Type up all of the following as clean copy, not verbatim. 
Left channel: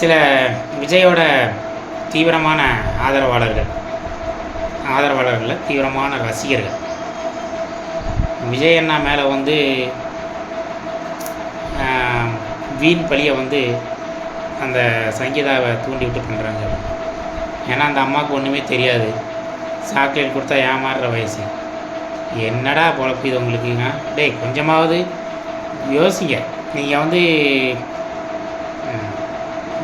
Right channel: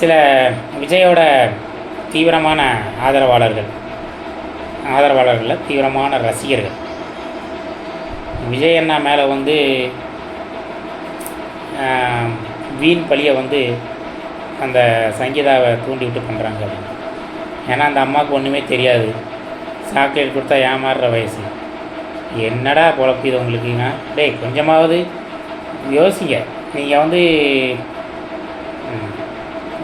சில விஜயோட தீவிரமான ஆதரவாளர்களில் தீவிரமான ரசிகர்கள் விஜய் அண்ணா மேலே வந்து வீண் பழியை வந்து அந்த சங்கீதாவை தூண்டி விட்டு பண்ணுறாங்க அப்படின்னு. ஏன்னா அந்த அம்மாவுக்கு ஒன்றுமே தெரியாது, சாக்லேட் கொடுத்தா ஏமாறுற வயசு. என்னடா பொழப்பு இது உங்களுக்குங்க? டேய் கொஞ்சமாவது யோசிங்க. நீங்கள் வந்து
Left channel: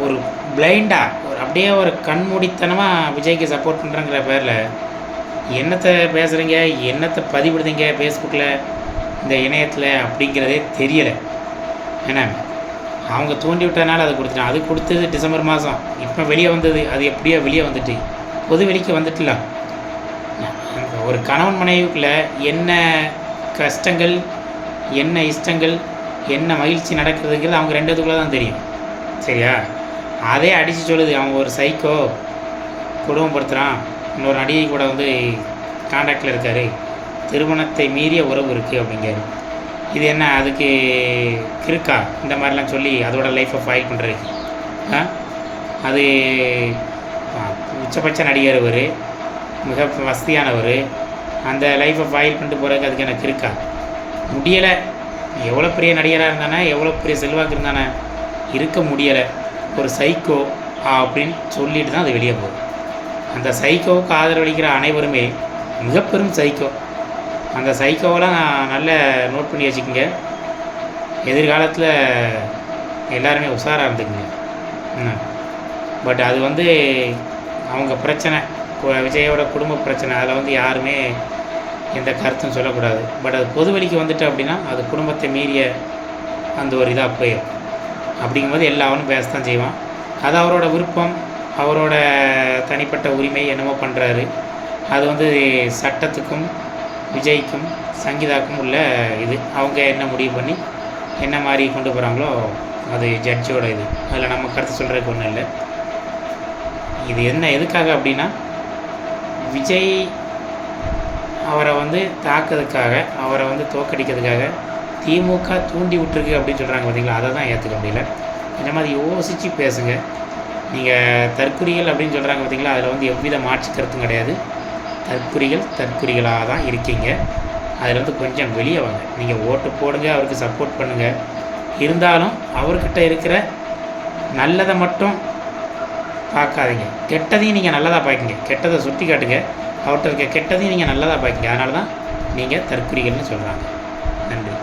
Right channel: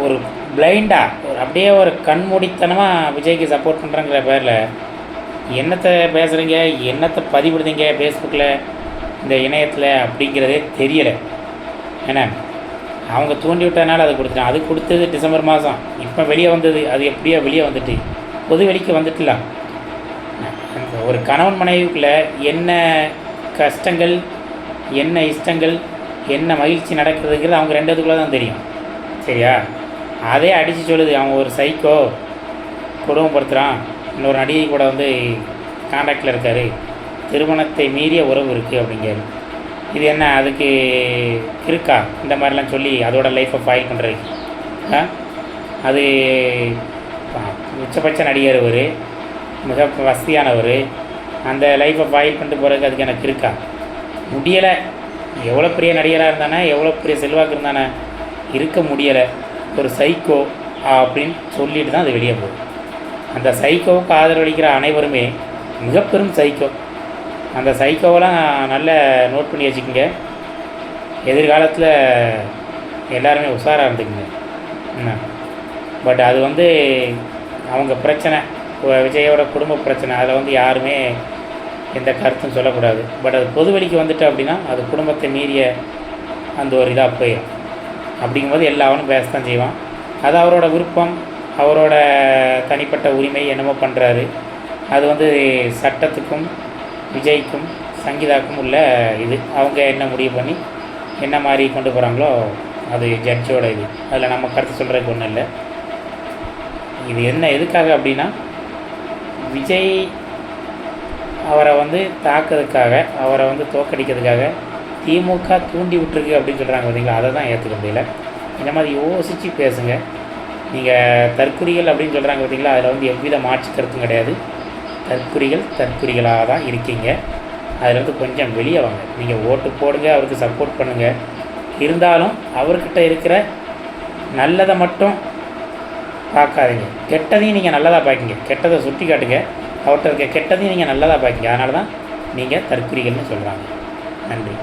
ஒரு பிளைண்டாக அப்படியே ஒரு கண்மூடித்தனமாக விஜய்க்கு சப்போர்ட் பண்ணுறங்கிற பேரில் என்னத்தை பேசுகிறீங்க, என்னத்தை பதிவிடுதீங்க ஃபேஸ்புக்கில், இந்த இணையத்தில் அப்படிங்கிறதே தெரியலை. ஏன்னா அவங்க தூண்டி விட்டதுனால அதை கொடுத்துட்டான். அது கொடுத்தது டிசம்பர் மாதம், இப்போ வெளியே வந்தது. அது எப்படியோ வெளியே வந்துட்டு பொது வெளிக்கு வந்துட்டுல. அந்த ஒரு கணவன் மனைவிக்குள்ளே என்ன கஷ்டங்கள், என்ன இஷ்டங்கள், என்ன மகிழ்ச்சி நடக்குதுங்கிறது அவங்க ரெண்டுத்துக்குள்ளே தான் தெரியும். சரியா? அதே அடித்து சொல்லுது அவன் ஒரு சைக்கோ, குடும்பப்படுத்துகிறான், இன்னொரு நடிகை கூட வந்து கான்டாக்டில் இருக்கார், திருமணத்தை மீறிய உறவு இருக்குது அப்படிங்கிறாரு. இது என்ன அதுக்கு இருக்கா இந்த மாதிரிலாம் சொல்லி அதோட லைஃப்பை ஃபைல் பண்ணுறதுக்கு? அது உச்சபட்ச நடிகர், ஒரு மிக வசதியானவர், அந்த லைஃப்பை ஃபைல் பண்ணிட்டு போகிறதுக்கு அதுக்கு எனக்கு இருக்கா? முடியலை. எவ்வளோ பெரிய நடிகராக இருந்தானே, எவ்வளோ பெரிய செல்வாக்கு இருந்தானே, இருக்க முடியலை. ஒரு சைக்கோ அப்படின்னு சொல்லிட்டு தான் அது வெளியே போகுது. அந்த சைக்கோவுக்கு ஆதரவளிக்கிற அனைவருமே மிக பெரும் சைக்கோ. அந்த சைக்கோவெல்லாம் நல்ல நோட் பண்ணி வச்சுக்கோங்க. எதிர்காலத்தில் எல்லாருமே உஷாராக இருந்துக்குங்க. பட் அது வந்து அவங்க பிரச்சனை, விஜயோட குடும்ப பிரச்சனை. அதில் வந்து யாருமே எந்த கருத்தும் சொல்லக்கூடாது. பட் அது பொது வெளிக்கு வந்துட்டு அப்படின்னா அது குடும்பத்தை மீறிய அந்த ஒரு இதாக போயிடும். அப்படிங்கும்போது எல்லாவனும் பேசத்தான் செய்வான். அது அவரோட விருப்பம், அவரோட தனிப்பட்ட உரிமை, என்னமோ பண்ணுறாரு. அது வந்து சட்டத்துக்கும் விஜய்க்கும் சங்கீதாக்கும் உள்ள இது. அவங்க என்ன முடிவு பண்ணி என்ன மாதிரி கொண்டு போகிறாங்களோ அது ஜட்ஜோட இது. அதில் நம்ம கருத்து சொல்கிறதுக்கு ஒன்றும் இல்லை. இது என்ன எதுக்காக அப்படின்னா, விஜய் அவரை வந்து தாக்கிறதுக்காக, அவரை வந்து தோக்கடிக்கிறதுக்காக திமுக தூண்டி விட்டுருக்கு அப்படின்னு சொல்கிறாங்க பார்த்தீங்களா? அதை தான் ஏற்றுக்க முடியல. இந்த மாதிரி யோசித்து பேசுங்க. நீங்கள் தற்குறிகள் அப்படின்னு சொல்கிறாங்க பார்த்தீங்களா? அதில் வந்து எவ்வித மாற்று கருத்தும் கிடையாது. தற்குறிகளாக தான் இருக்கீங்க. அதில் வந்து கொஞ்சம் வெளியே வாங்க. நீங்கள் ஓட்டு போடுங்க, அவருக்கு சப்போர்ட் பண்ணுங்கள். இருந்தாலும் அவர்கிட்ட இருக்கிற நல்லதை மட்டும் பார்க்காதீங்க, கெட்டதையும் நீங்கள் நல்லதாக பார்க்கிங்க. கெட்டதை சுட்டி காட்டுங்க, அவர்கிட்ட இருக்க கெட்டதையும் நீங்கள் நல்லதாக பார்க்கிங்க. அதனால தான் நீங்கள் தற்குறிகள்னு சொல்கிறாங்க. நன்றி.